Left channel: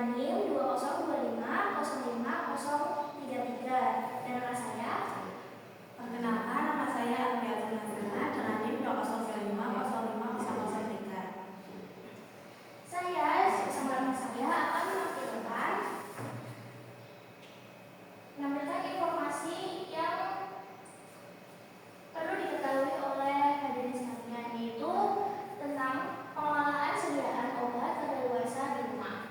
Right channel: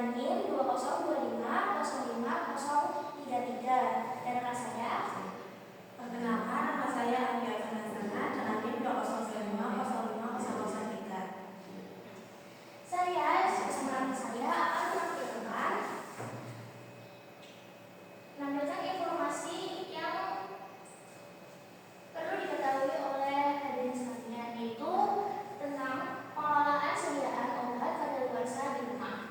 dengan NIM 202505033 dan nama saya. Perkenalkan, nama saya Arfiatun Hasanah dengan NIM 202505053. Saya bersama teman saya akan menampilkan informasi yang perlu diketahui oleh hadirin sekalian, yaitu tentang pengelolaan sediaan obat kadaluarsa di rumah.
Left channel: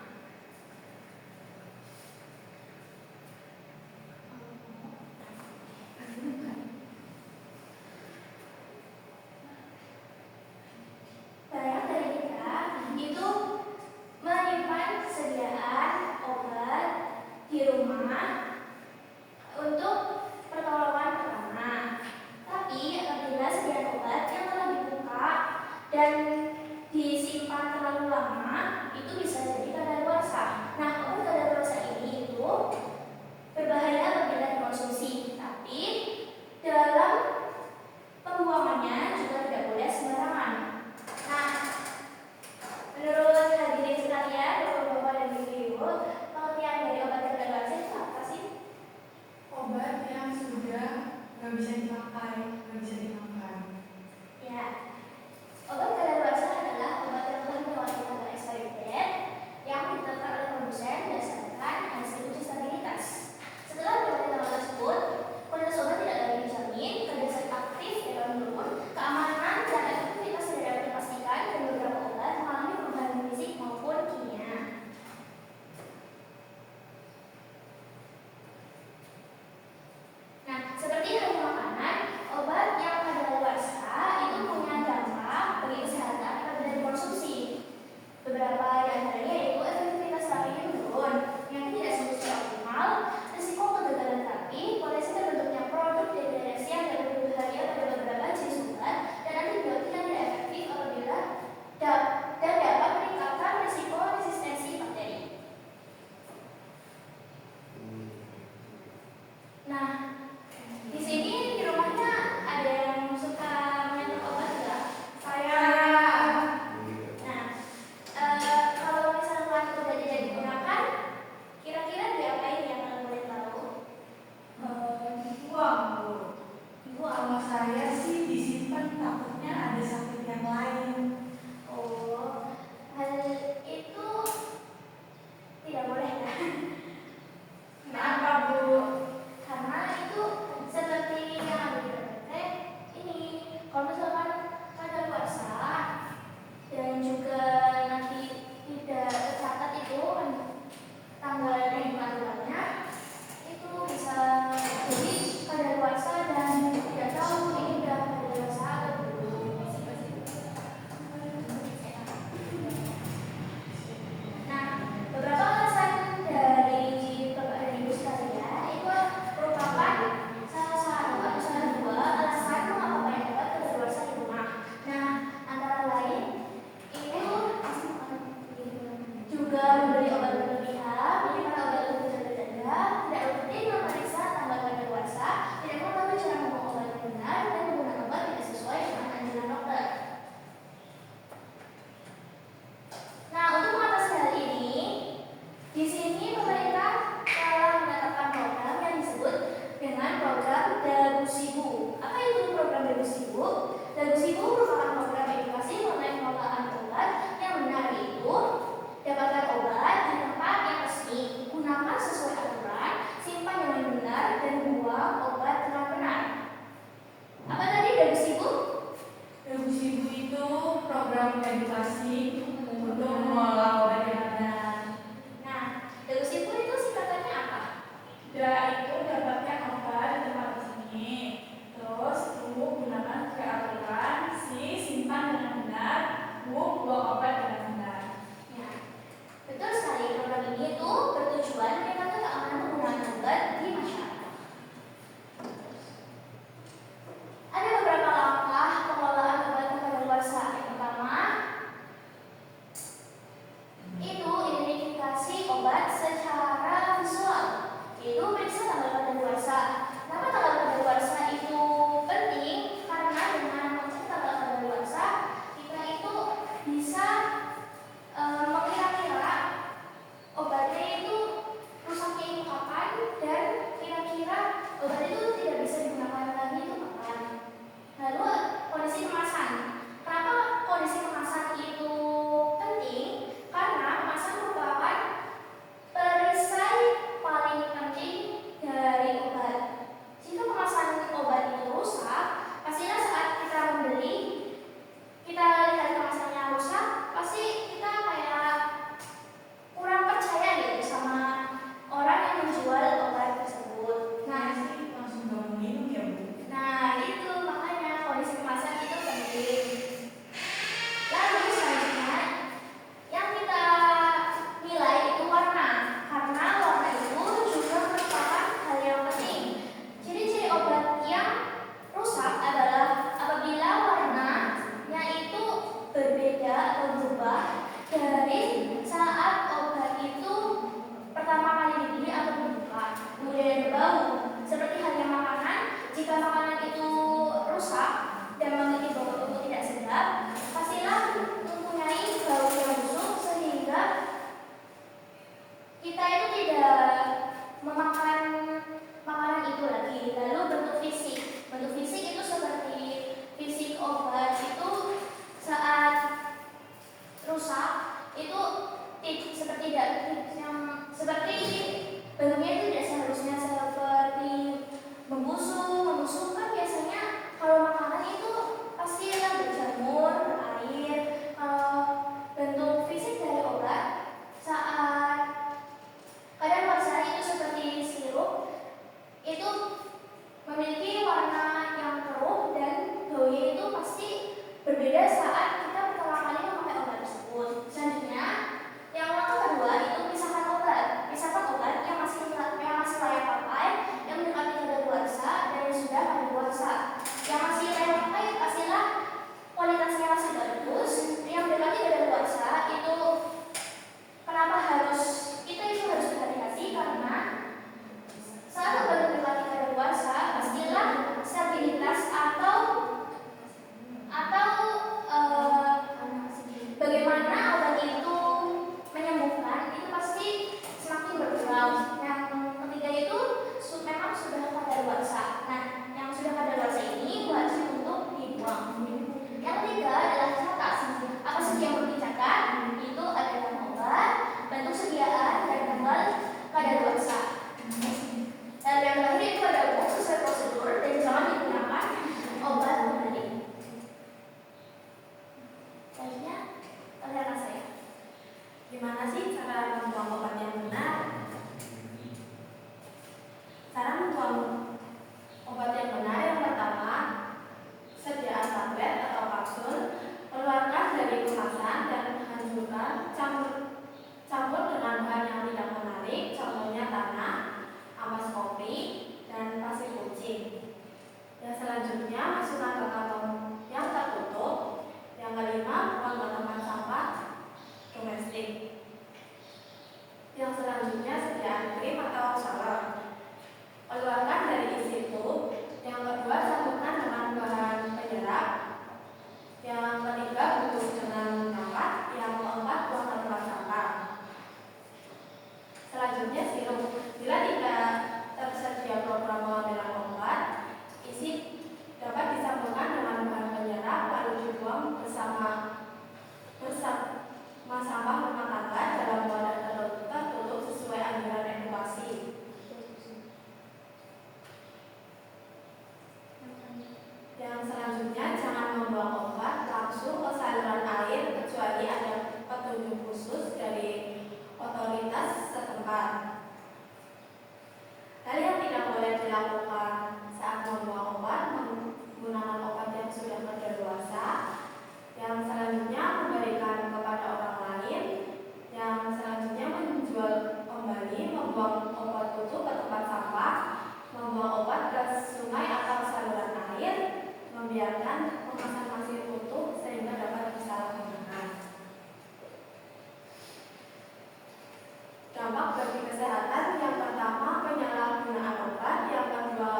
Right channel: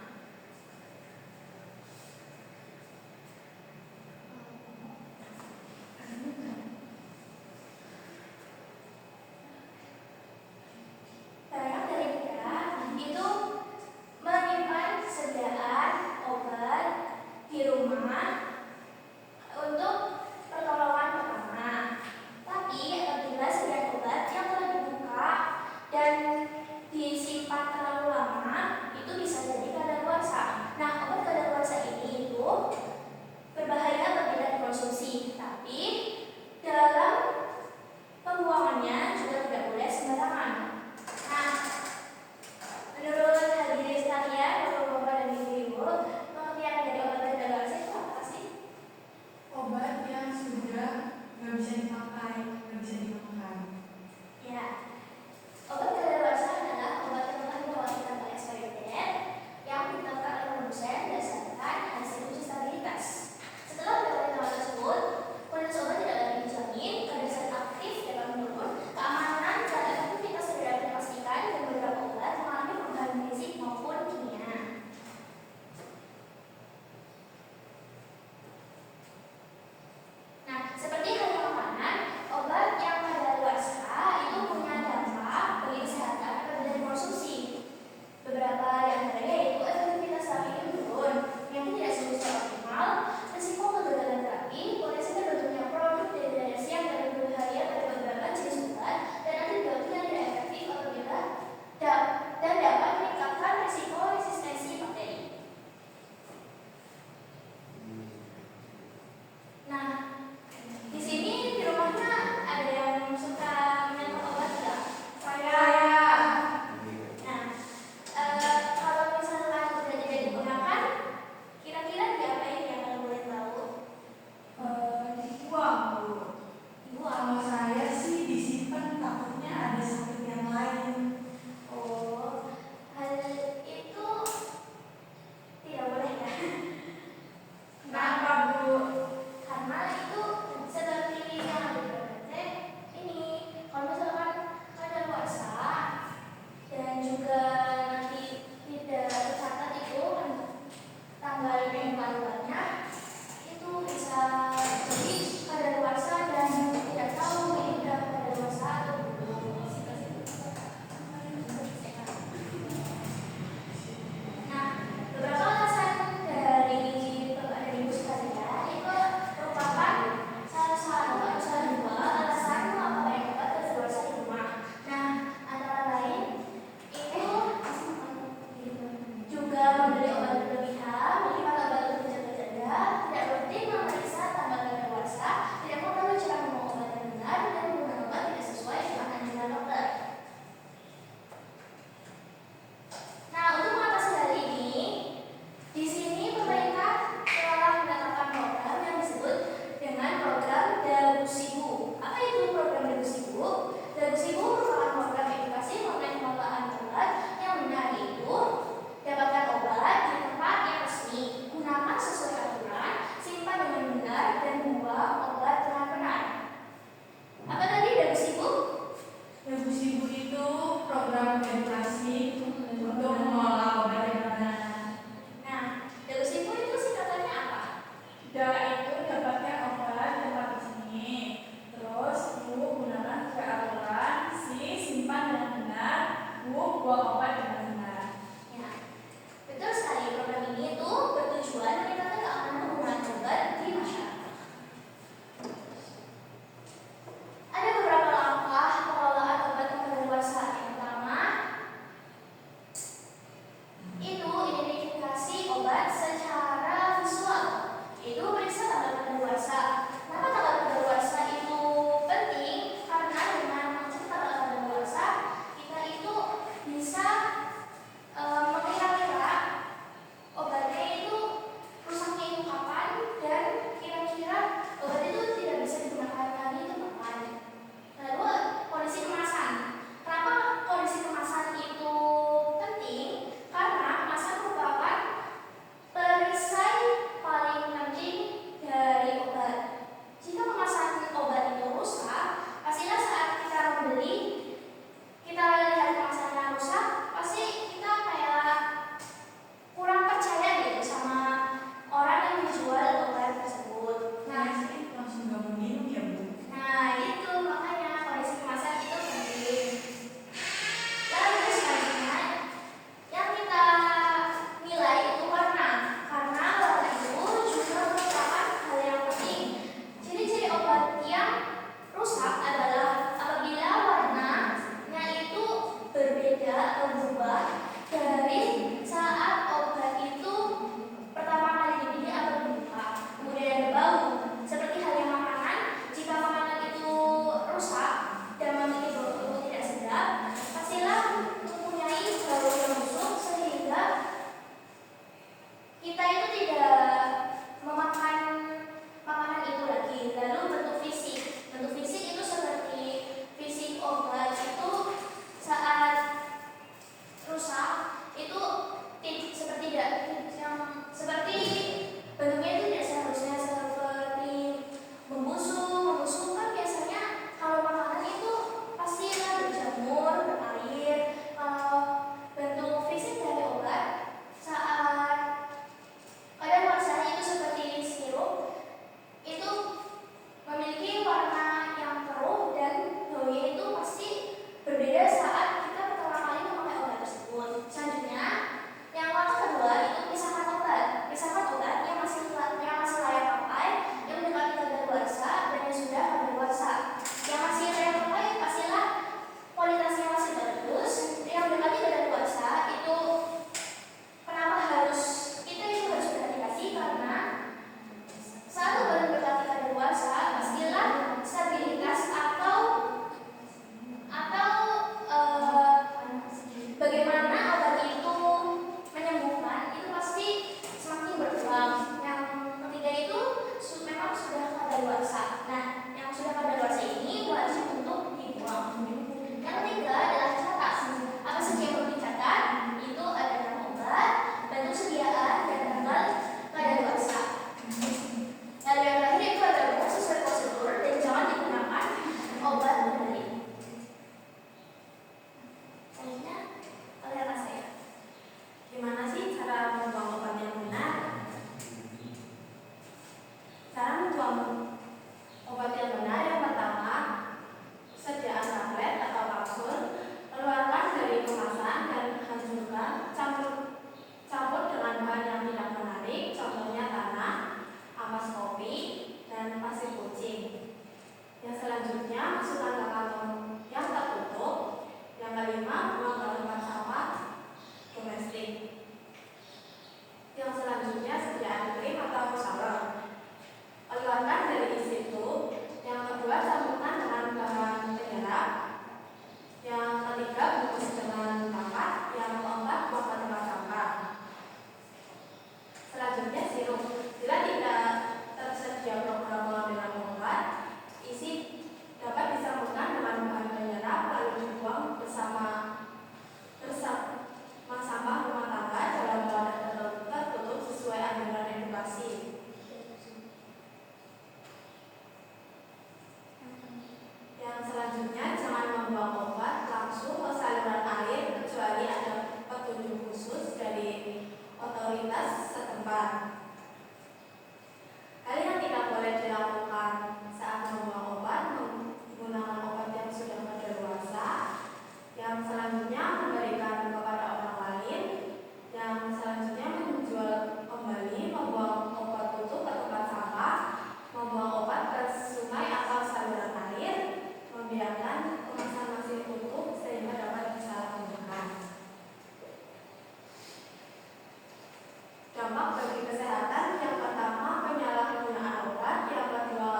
Dampak bagi kesehatan yang pertama penyalahgunaan obat, yang kedua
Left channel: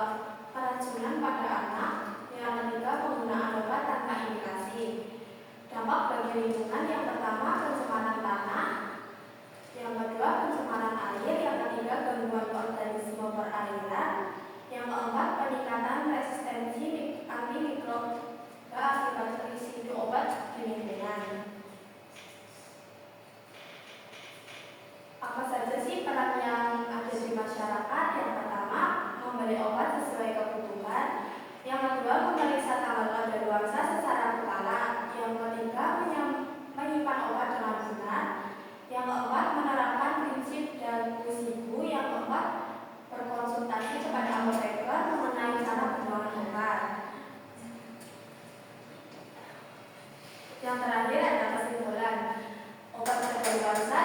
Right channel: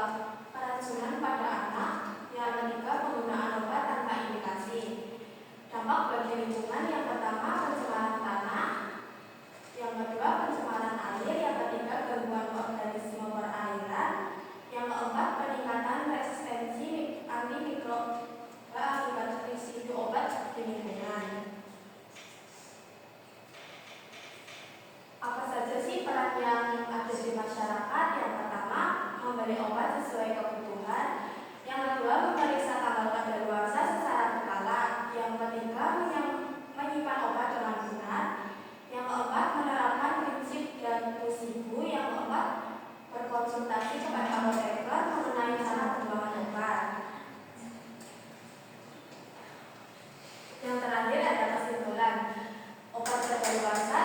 keracunan pada anak, yang ketiga penggunaan obat tanpa indikasi. Dampak bagi lingkungan yang pertama pencemaran tanah, yang kedua pencemaran air, yang ketiga gangguan organisme perairan, yang keempat peningkatan resistensi antimikroba akibat residu obat di lingkungan. Apa saja sih peran yang ada di masyarakat? Yang pertama, memberi obat sesuai kebutuhan. Yang kedua, memeriksa tanggal kadaluarsa secara berkala. Yang ketiga, menyimpan obat dengan benar. Yang keempat, menerapkan prinsip dan pusibu. Yang keempat, berkonsultasi kepada apoteker mengenai cara pembuangan obat. Yang terakhir ada kesimpulan. Obat kadaluarsa